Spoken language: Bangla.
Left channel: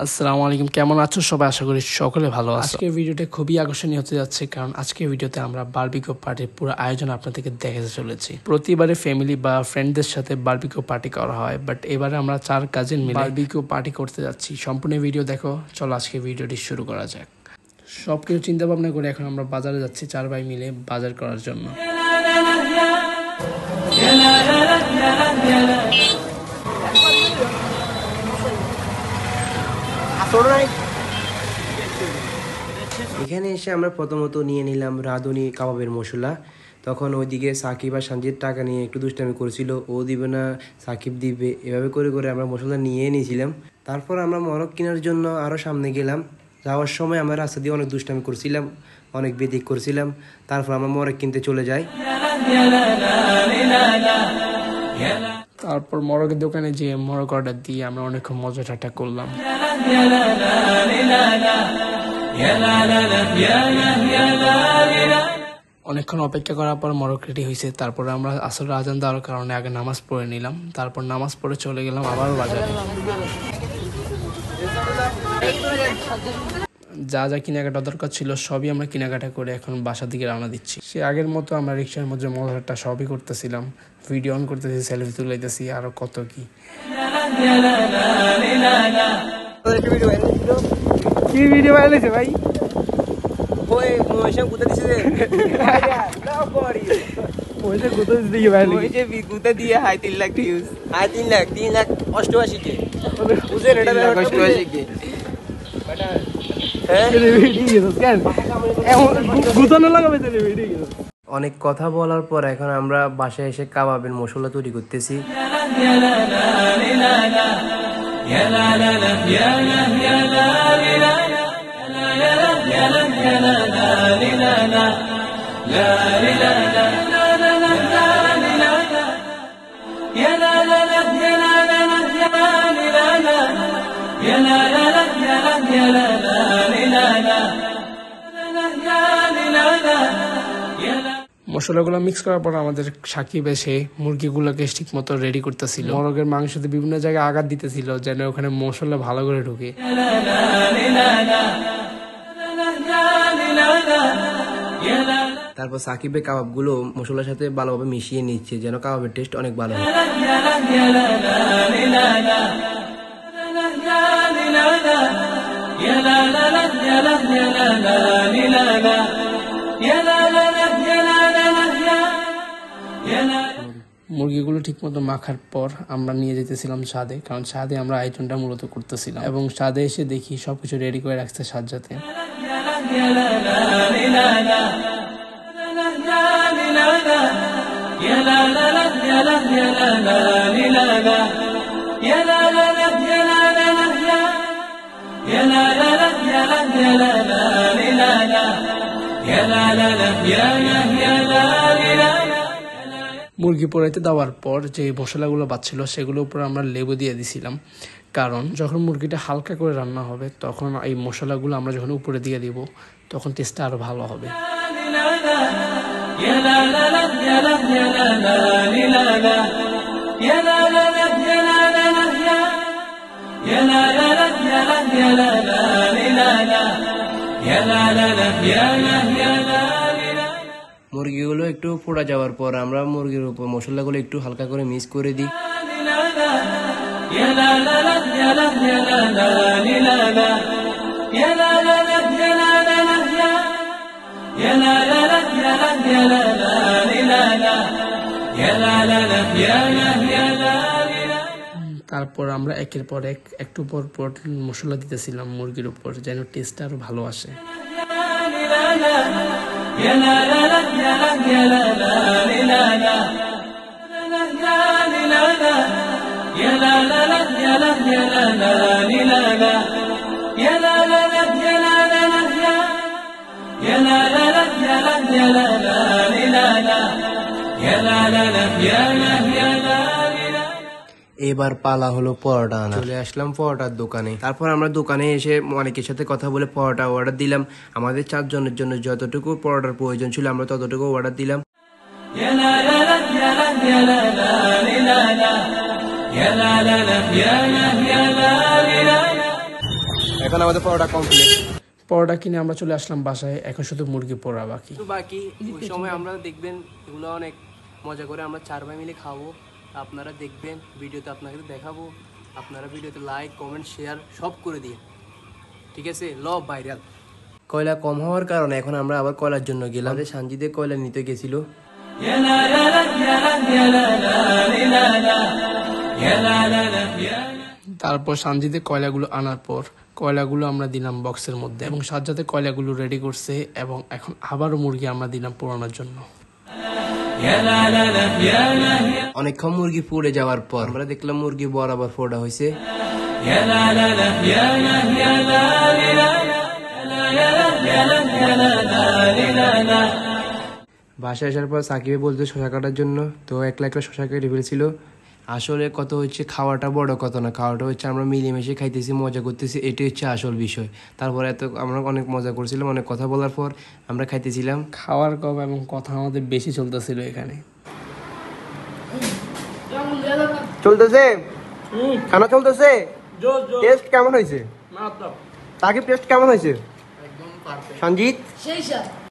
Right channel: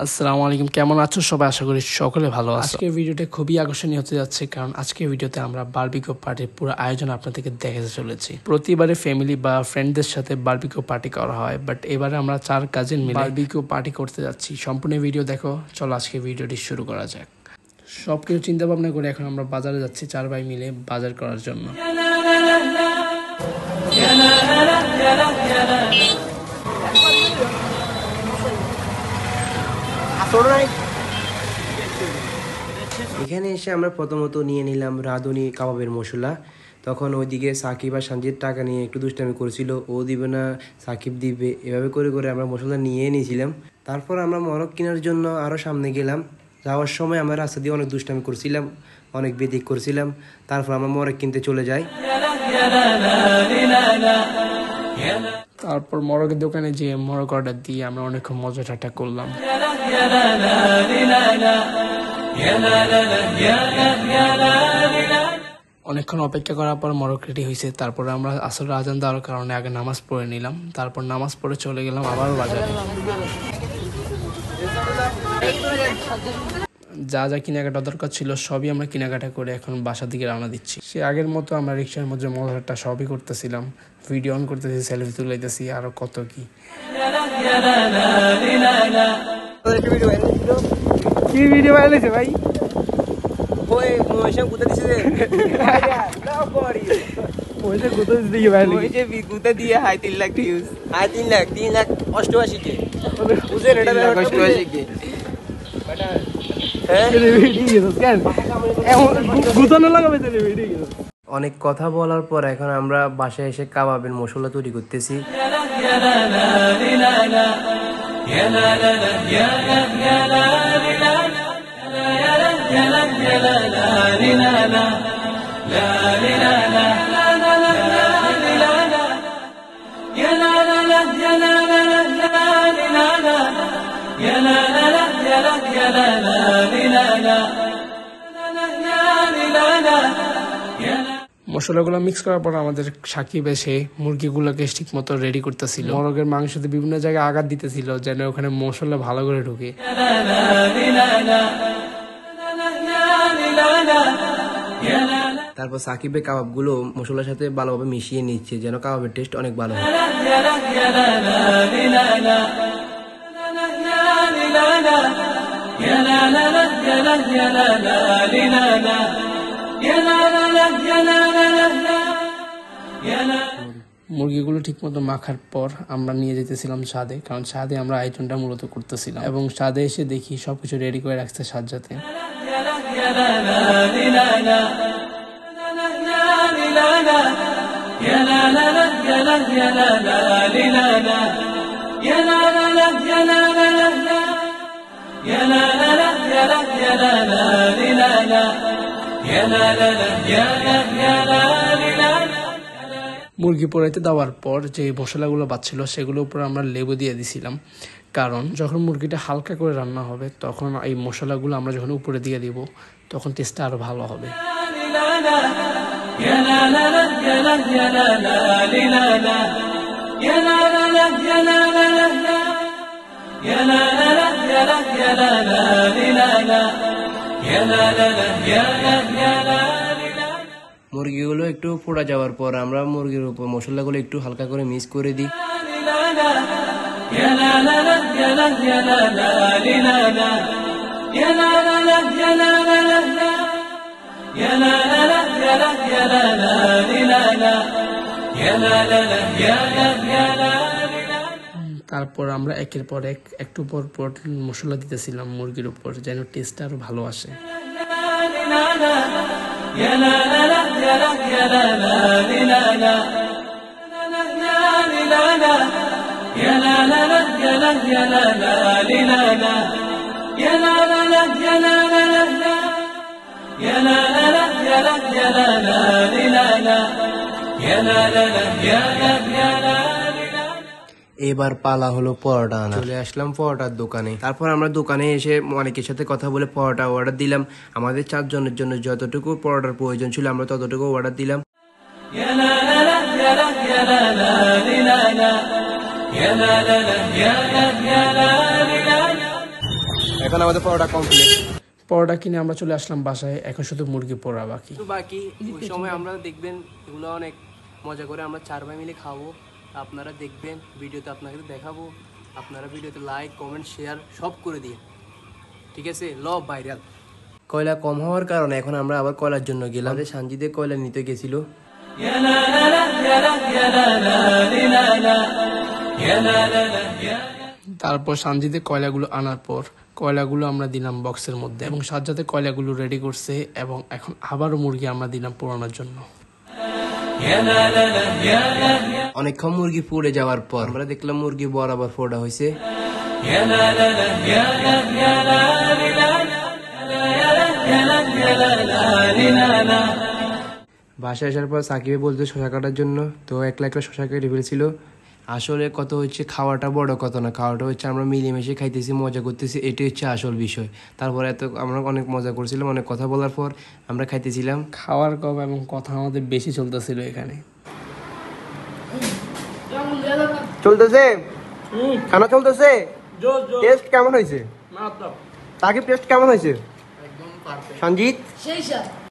আসসালামু আলাইকুম, কেমন আছো সবাই? আশা করি সকলে ভালো আছো। আজকের ভিডিওটা খুবই আকর্ষণীয় হতে যাচ্ছে, কারণ আজকের ভিডিওতে আমরা বারবিকিউ পার্টির পুরো আয়োজন আপনাদেরকে দেখাতে চলেছি। প্রতিবারে ফ্যামিলি বা ফ্রেন্ডদের সাথে বারবিকিউ পার্টি করা হয়, বাট এবারে আমরা 4 কাজিন মিলে বারবিকিউ পার্টি করতে যাচ্ছি। সম্পূর্ণ ভিডিও দেখো। চলো আজকে ভিডিওটি শুরু করা যাক। সবকিছু চিন্তা ভাবনা করে এখন আমরা বাজারে যাচ্ছি 4 ভাই মিলে বাজার করার জন্য। এখানে এসে আমরা প্রথমত নিয়ে নিলাম রাঁধুনি কাবাবের মশলা। তখন ওইদিকে সাকিব আর সঞ্জিত টাকা নিয়ে একটু দুষ্টামি করেছিল, ও দিবে না সাকিব দিবে, এভাবে করে করে আমরা মশলা নিয়ে নিয়েছিলাম। তারপর আমরা মরক কেনার জন্য আরও সামনে গেলাম। যাওয়ার সময় আমরা রাস্তা দিয়ে অনেক দুষ্টামি করছিলাম, অনেক বেদিক করছিলাম। তারপর আমরা মরক কিনতে চলে যাই। তারপর মরকের দোকানে যেয়ে মরক অর্ডার দিয়ে আমরা অনেকক্ষণ মজা ঠাট্টা করলাম। অনেকক্ষণ অপেক্ষা করার পর মরক রেডি হয়েছে। তারপরে আমরা আসল আজান দেওয়ার কারণে আগে নামাজ পড়ে নিলাম। তারপর নামাজ পড়ে চলে গেলাম আবারও বাজারে। যা যা কেনাকাটা দরকার ছিল সবই আমরা কেনাকাটা করে এখন বাসার দিকে রওনা দিচ্ছি। সে আগের মতো আমরা রিক্সার মধ্যে মজাটা সবই করতেছিলাম, ভিডিও অন করতেছি, সেলফি তুলাইতেছি, আরো কত কি। কি ভিডিও ভাইরাল হয়েছে ভাই? ওই মহেশে গুতা দিছে রে না করি ওইটা কোথায় দিকে ভাইরাল ওই যে গুতা দিয়ে 3 লাখ ভিউজ 3 লাখ 88 কে বুঝেন এটা 88 কে বেটা অনেক কথা বলার পর এখন আমরা বাসায় এসে কাবাবের মশলা তৈরি করতেছি। মশলাগুলো মিক্স করার পর আমাদের সাকিব এসে মুরগিগুলোকে ঠিক মতো রেডি করতেছিল। মরগের মাংসতে বিভিন্ন জায়গায় আঘাত দিতেছিল যেন ওখানে মশলা ভালো করে ঢুকে। তারপর সাকিবের কাবাবগুলো মশলার সাথে ভালোভাবে মিশিয়ে নিচ্ছে যেন কাবাবের টেস্ট অনেক ভালো হয়। মুরগিগুলো ঠিক মতো মাখার পর আমরা নিয়ে যেতেছিলাম ছাদে, কারণ ছাদে আমরা আয়োজনটা মূলত করতেছিলাম। এবং ছাদে এসে দেখি সবকিছু রেডি করে রাখছে সাজ্জাতে। মুরগি পোড়াইতে দেওয়ার পর যে মশলাগুলো বাচ্ছিল সেগুলোর উপর আমরা লেবু দিয়ে দিছিলাম, কারণ যখন মুরগিটা হালকা করে রান্না হবে তখন এই মশলাগুলো আমরা যখন উপরে দিয়ে দিব তখন টেস্টটা আরো ভালো হবে। মুরগিগুলো একটু পোড়া যাওয়ার পর আমরা মুরগির উপর মশলাগুলো একটু হালকা করে মিক্স করে দিই। তারপর আমরা একের পর একটু পর পর মশলা দিতেছিলাম মুরগির উপর যেন টেস্টটা আরো ভালো আসে। এবার পালা হলো পরোটা আনা। চলে আসলাম পরোটার দোকানে। তারপর আমরা দোকানে এসে অনেকের সাথে কথা বলে পরোটা অর্ডার দিলাম। আমাদের 4 জনের জন্য যতটুকু পরোটার প্রয়োজন ছিল আমরা ততটুকু অর্ডার দিলাম। এখন আমাদের পরোটা কমপ্লিট। পরোটা কিনে আমরা চলে আসলাম বাসায়, এখন শুধু মুরগি পোড়া বাকি। বাকি ওই সময় আমরা দেখবেন এগুলো অনেক মজা করে আমরা 4 ভাই মিলে খাবো। আপনারা দেখবেন ভিডিওতে, আপনাকে দেখাবো। আপনারা ভিডিওতে লাইক কমেন্ট শেয়ার সব করে দিন, ঠিক আছে? Love viral. কয়লা কম হওয়ার কারণে এখন আমরা আবার কয়লার জন্য গেলাম। সানজিদে কয়লা নিতে গেছিল। তারপর সানজিদে কয়লাগুলো আনার পর কয়লাগুলো আমরা দিলাম বক্সের মধ্যে এবং সাজ্জাদে কয়লাগুলো রেডি করছে এবং এখন আবারও মুরগি আমরা দিলাম পোড়ানোর জন্য। অনেকক্ষণ মুরগি পুড়ে যাওয়ার পর আমরা দেখলাম মুরগি বরাবর ফোড়া হয়েছে। বাসায় আসার পর সাকিবে বলতে শশা কাটার জন্য, তো একলা একলা শশা কেটে ফেলছিল। আসলে কত হচ্ছে খাওয়াটা বড় কথা না, খাওয়াটা হচ্ছে আমরা মিলেমিশে খাইতেছি, মজা করতেছি, এটাই হচ্ছে আসল বিষয়। তারপরে আমরা অনেক মজা করছিলাম, অনেক কথা বলার পর আমরা খাইতেছিলাম। খাওয়ার কম এবং কথা আমাদের বেশি চলতেছিল এখানে। চলতেছে খানা চলতেছে। টেস্ট কেমন হয়েছে সাকিব? টেস্ট কেমন হয়েছে সঞ্জিত?